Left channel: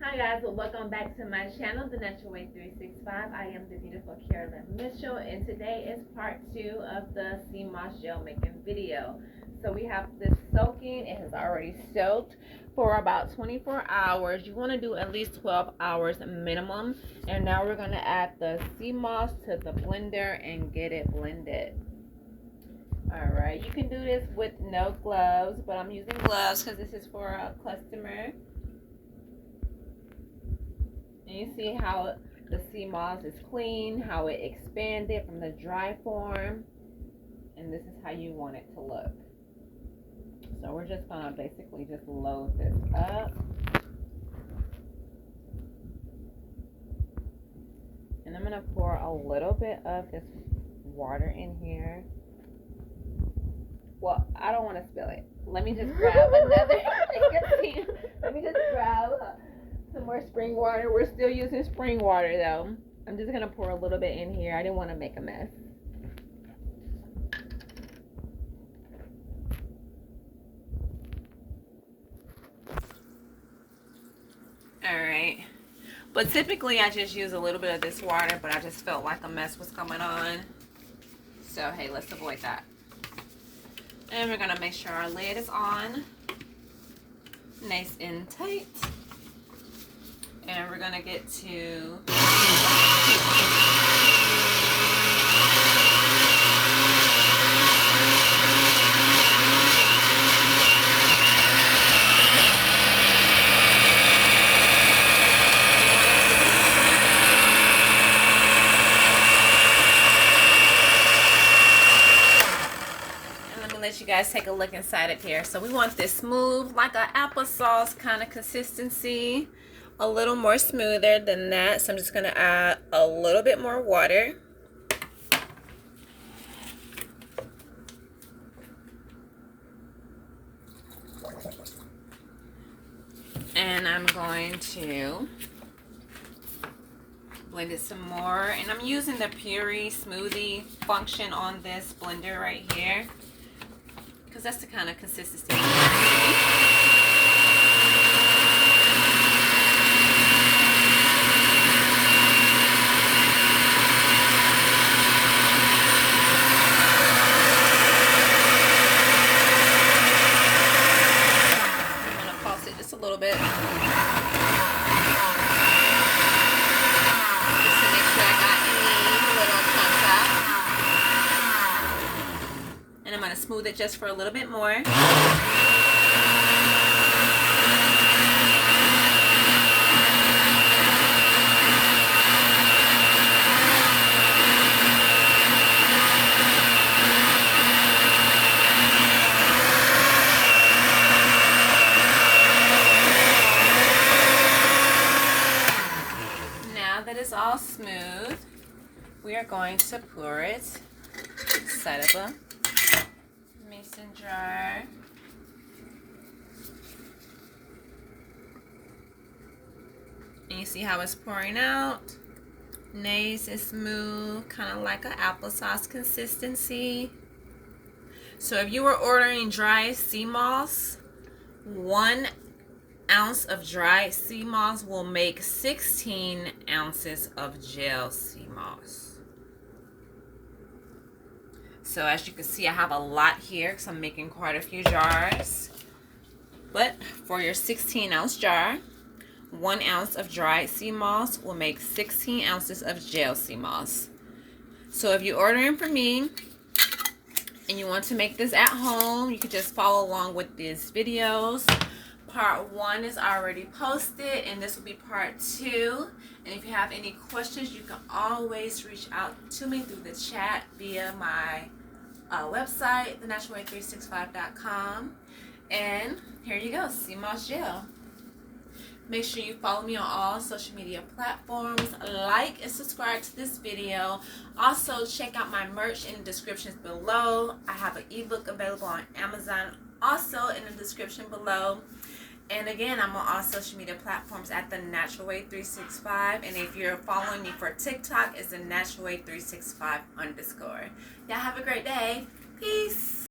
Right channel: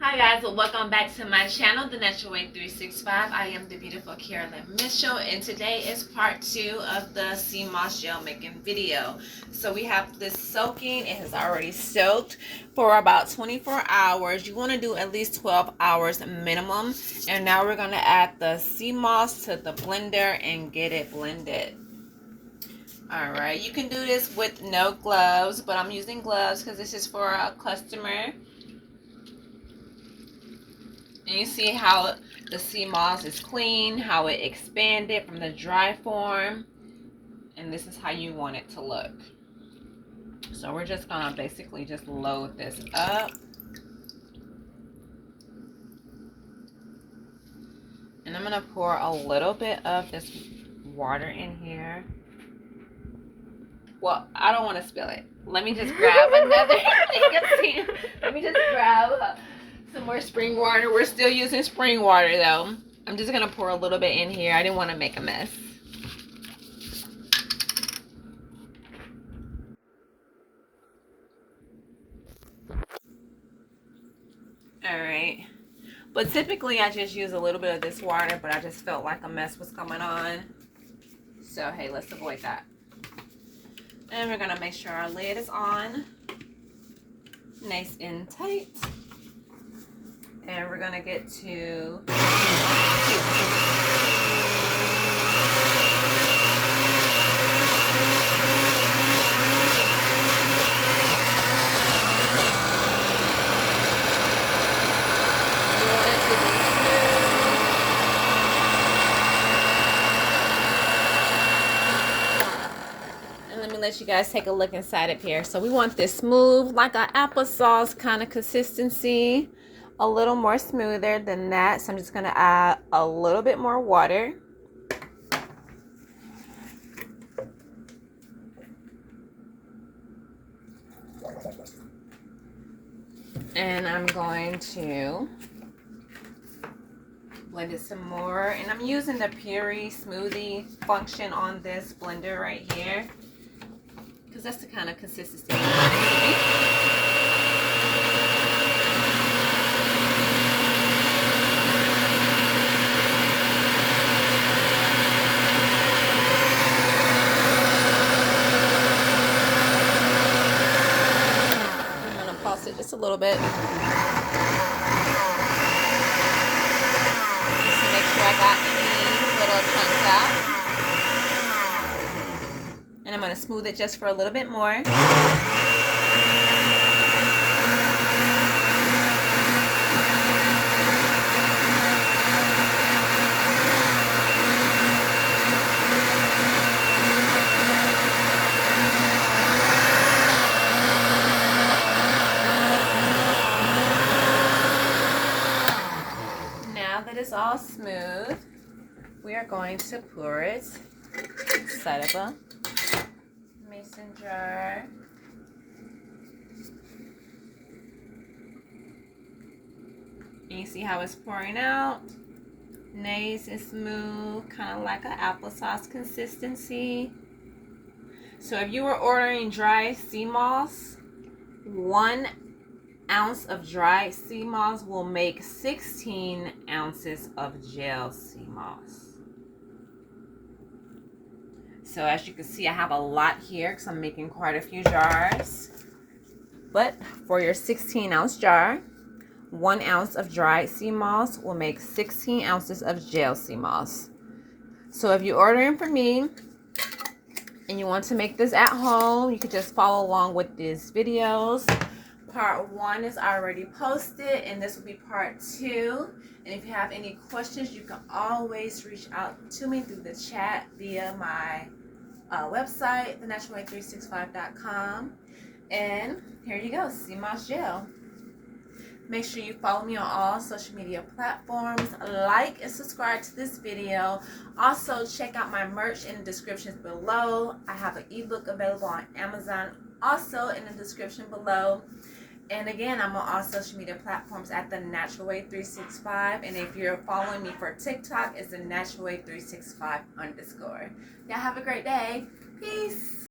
Hi guys, welcome back to my channel, The Natural Way 365. I am the beautiful Carolyn Mitchell, and today is part 2 of the Seamoss gel making video. So we have this soaking. It has already soaked for about 24 hours. You want to do at least 12 hours minimum. And now we're going to add the Seamoss to the blender and get it blended. Alright, you can do this with no gloves, but I'm using gloves because this is for a customer. And you see how the Seamoss is clean, how it expanded from the dry form. And this is how you want it to look. So we're just gonna basically just load this up. And I'm gonna pour a little bit of this water in here. Well, I don't want to spill it. Let me just grab another thing. Let me just grab some more spring water. We're still using spring water though. I'm just gonna pour a little bit in here. I didn't want to make a mess. Alright. But typically I just use a little bit of this water, but I just felt like a mess was coming on. So hey, let's avoid that. And we're gonna make sure our lid is on. Nice and tight. And we're gonna get to let you guys take a look inside of here. So we want this smooth, like an applesauce kind of consistency, a little more smoother than that. So I'm just gonna add a little bit more water. And I'm going to blend it some more. And I'm using the puree smoothie function on this blender right here, because that's the kind of consistency. And I'm going to pulse it just a little bit. Just to make sure I got any little chunks out. And I'm going to smooth it just for a little bit more. Now that it's all smooth, we are going to pour it inside of a mason jar. And you see how it's pouring out? Nice and smooth, kind of like an applesauce consistency. So if you were ordering dry Seamoss, 1 ounce of dry Seamoss will make 16 ounces of gel Seamoss. So as you can see, I have a lot here because I'm making quite a few jars. But for your 16-ounce jar, 1 ounce of dried Seamoss will make 16 ounces of gel Seamoss. So if you're ordering from me and you want to make this at home, you could just follow along with these videos. Part 1 is already posted, and this will be part 2. And if you have any questions, you can always reach out to me through the chat via my website, thenaturalway365.com. And here you go, Seamoss gel. Make sure you follow me on all social media platforms. Like and subscribe to this video. Also, check out my merch in the descriptions below. I have an ebook available on Amazon, also in the description below. And again, I'm on all social media platforms at The Natural Way 365. And if you're following me for TikTok, it's The Natural Way 365 _. Y'all have a great day. Peace.